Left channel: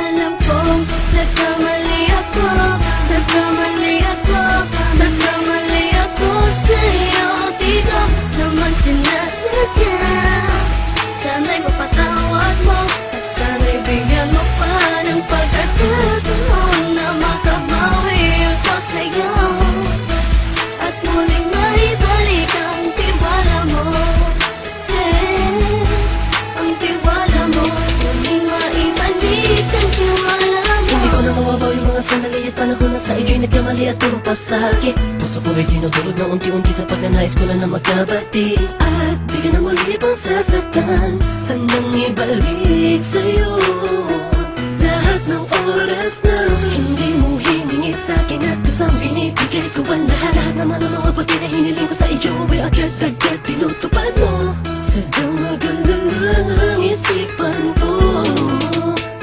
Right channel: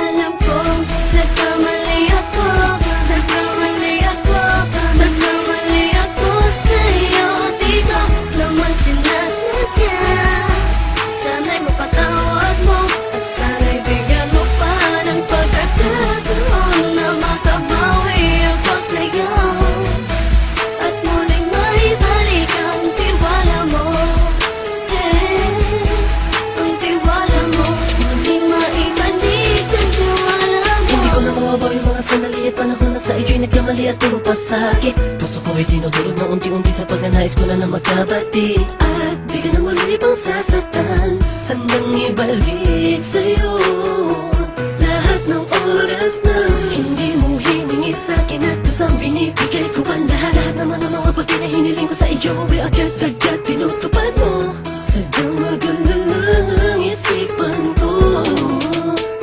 Alam kong nagkamali ako, nagkamali ako, nagkamali ako sa'yo. Di ko naman sinasadya. Sana'y mapatawad mo at sana'y bigyan mo pa ng pagkakataon na makabawi ako sa'yo at muling maibalik ang tiwala mo. Ang tiwala mo, muling maibalik ang tiwala mo. Hindi ko na mawabaw yung mga sandali at panahon na sa iyo'y nagkamali at puro pasakit. Puso ko ay dinudurog na unti-unti sa pagnanais ko na magkabati. At di ka na muli pang sasaktan, handang ibalik sa'yo lahat ng oras na hindi mo hiningi sa'kin at kusang binibigay ko ang lahat. Lahat naman ng mga bagay na hiniling ko sa iyo ay agad-agad tinutupad mo. Sadyang magulo ang isipan ko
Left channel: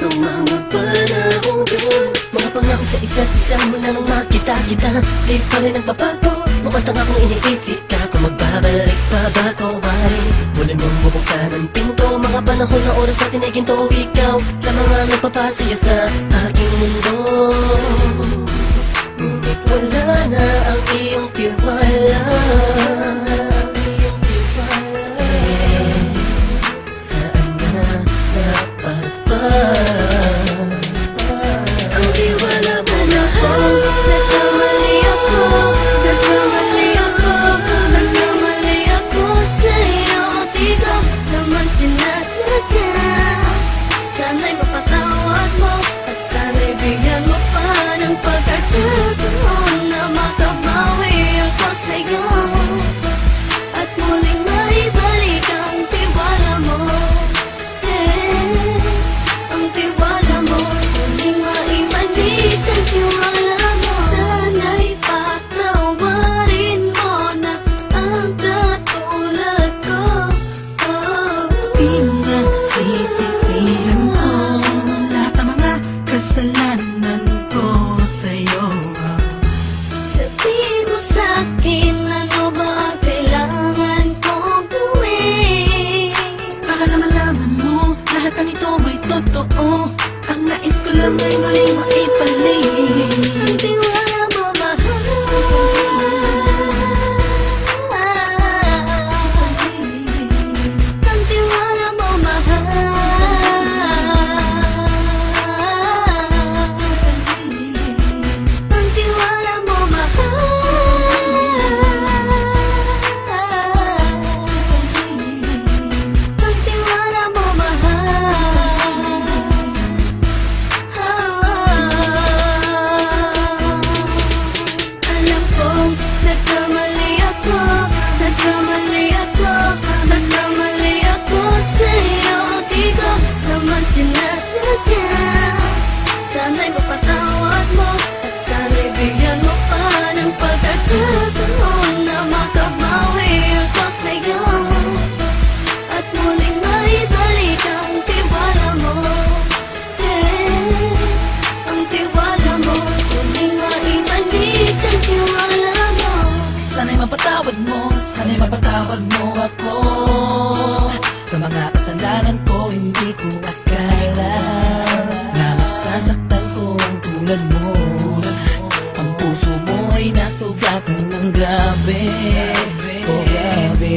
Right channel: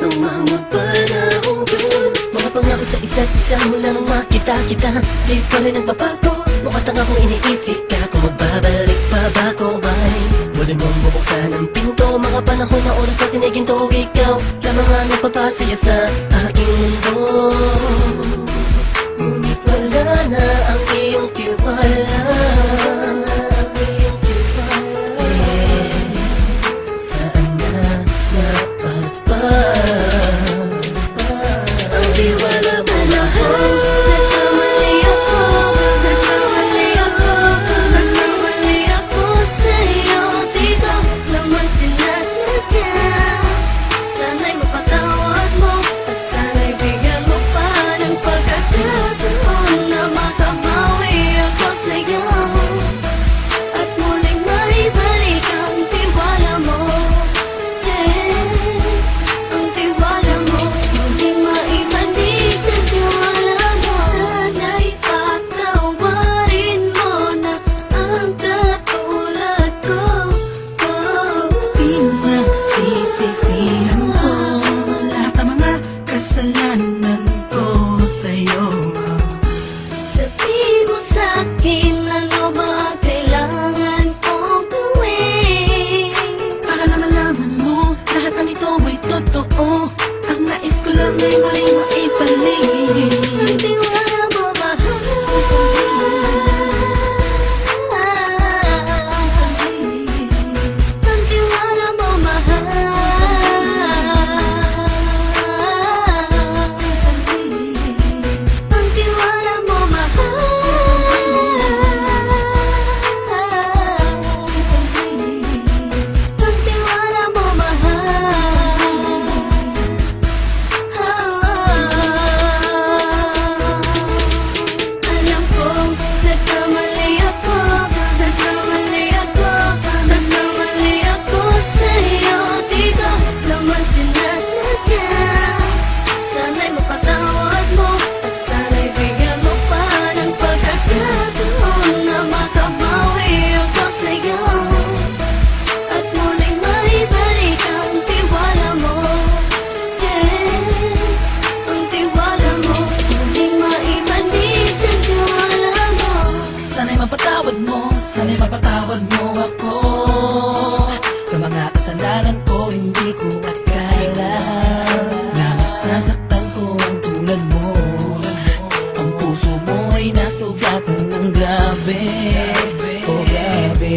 ng mga panahong yun. Mga pangako sa isa't isa mula nung makita kita, di pa rin nagbabago. Mukhang tanga kung iniisip ka kung magbabalik pa ba ko ay muli mong bubuksan ang pinto. Mga panahon na oras natin ay ginto, ikaw lamang ang nagpapasaya sa aking mundo. Ngunit wala na ang iyong tiwala. Saan na dapat ba ang tiwala mo? Nagkamali ako, nagkamali ako, nagkamali ako sa'yo. Di ko naman sinasadya. Sana'y mapatawad mo at sana'y bigyan mo pa ng pagkakataon na makabawi ako sa'yo at muling maibalik ang tiwala mo. Ang tiwala mo, muling maibalik ang tiwala mo. Sana'y patawarin mo na ang katulad ko. Pinagsisisihan ko lahat ng mga kasalanan ko sa'yo. Sabihin mo sa'kin ano ba kailangan kong gawin Para malaman mo lahat ng ito ay totoo. Ang nais ko lang ay muling maibalik ang tiwala mo, mahal. Ang tiwala mo, mahal. Ang tiwala mo, mahal. Ang tiwala mo, mahal. Alam kong nagkamali ako, nagkamali ako, nagkamali ako sa'yo. Di ko naman sinasadya. Sana'y mapatawad mo at sana'y bigyan mo pa ng pagkakataon na makabawi ako sa'yo at muling maibalik ang tiwala mo. Ang tiwala mo, muling maibalik ang tiwala mo. Sana'y mapatawad mo ako sa mga kasalanan ko. Hindi ko akala na masasaktan ko ang tulad mo. Ang puso mo ay nasugatan ng grabe, oh grabe.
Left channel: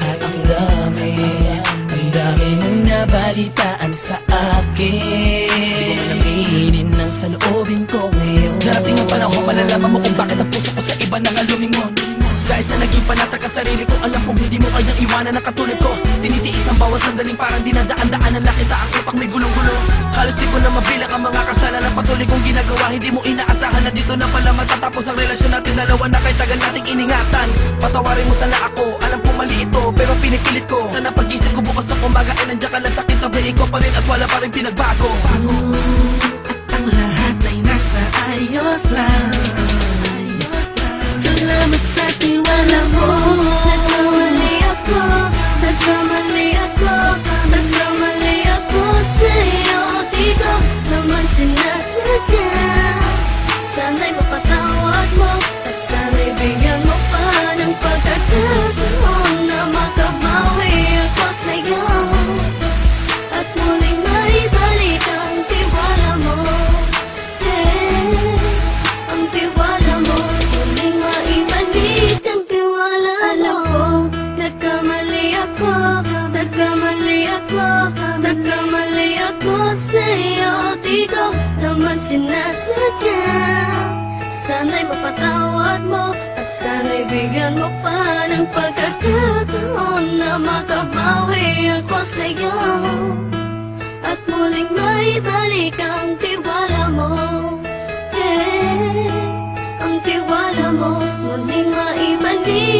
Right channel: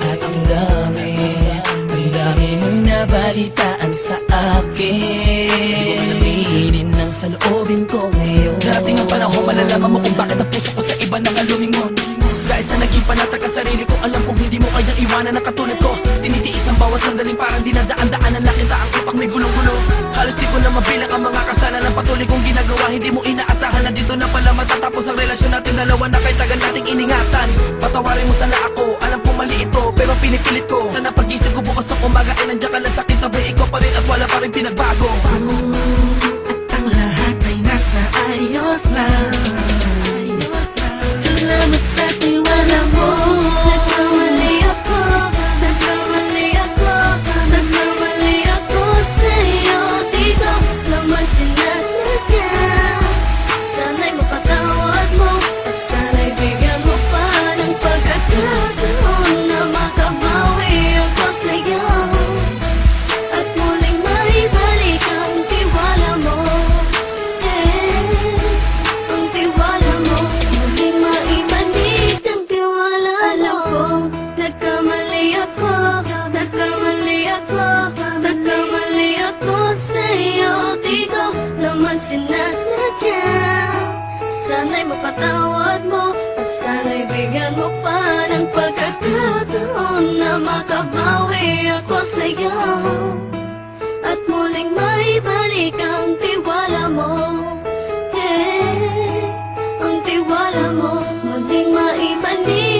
At ang dami mong nabalitaan sa akin. Di ko man aminin ang saloobin ko ngayon. Darating ang panahon, malalaman mo kung bakit ang puso ko sa iba nang alumingon. Dahil sa naging panatag ka sarili ko, alam kong hindi mo kayang iwanan na katulad ko. Tinitiis ang bawat sandaling parang dinadaan-daan ang lakita ang utak may gulong-gulo. Halos di ko na mabilang ang mga kasalanan ng patuloy kong ginagawa. Hindi mo inaasahan na dito na pala matatapos ang relasyon natin dalawa na kahit tagal nating iningatan. Patawarin mo sana ako, alam kong mali ito pero pinipilit ko. Sana pag-isip ko bukas ng umaga ay nandiyan ka lang sa kitabi ko pa rin at wala pa rin pinagbago. At ang lahat ay nasa ayos lang. Salamat sa tiwala mo. Nagkamali ako, nagkamali ako, nagkamali ako sa'yo. Di ko naman sinasadya. Sana'y mapatawad mo at sana'y bigyan mo pa ng pagkakataon na makabawi ako sa'yo at muling maibalik ang tiwala sa'yo, di ko naman sinasadya. Sana'y mapatawad mo at sana'y bigyan mo pa ng pagkakataon na makabawi ako sa'yo at muling maibalik ang tiwala mo. Ang tiwala mo muling maibalik.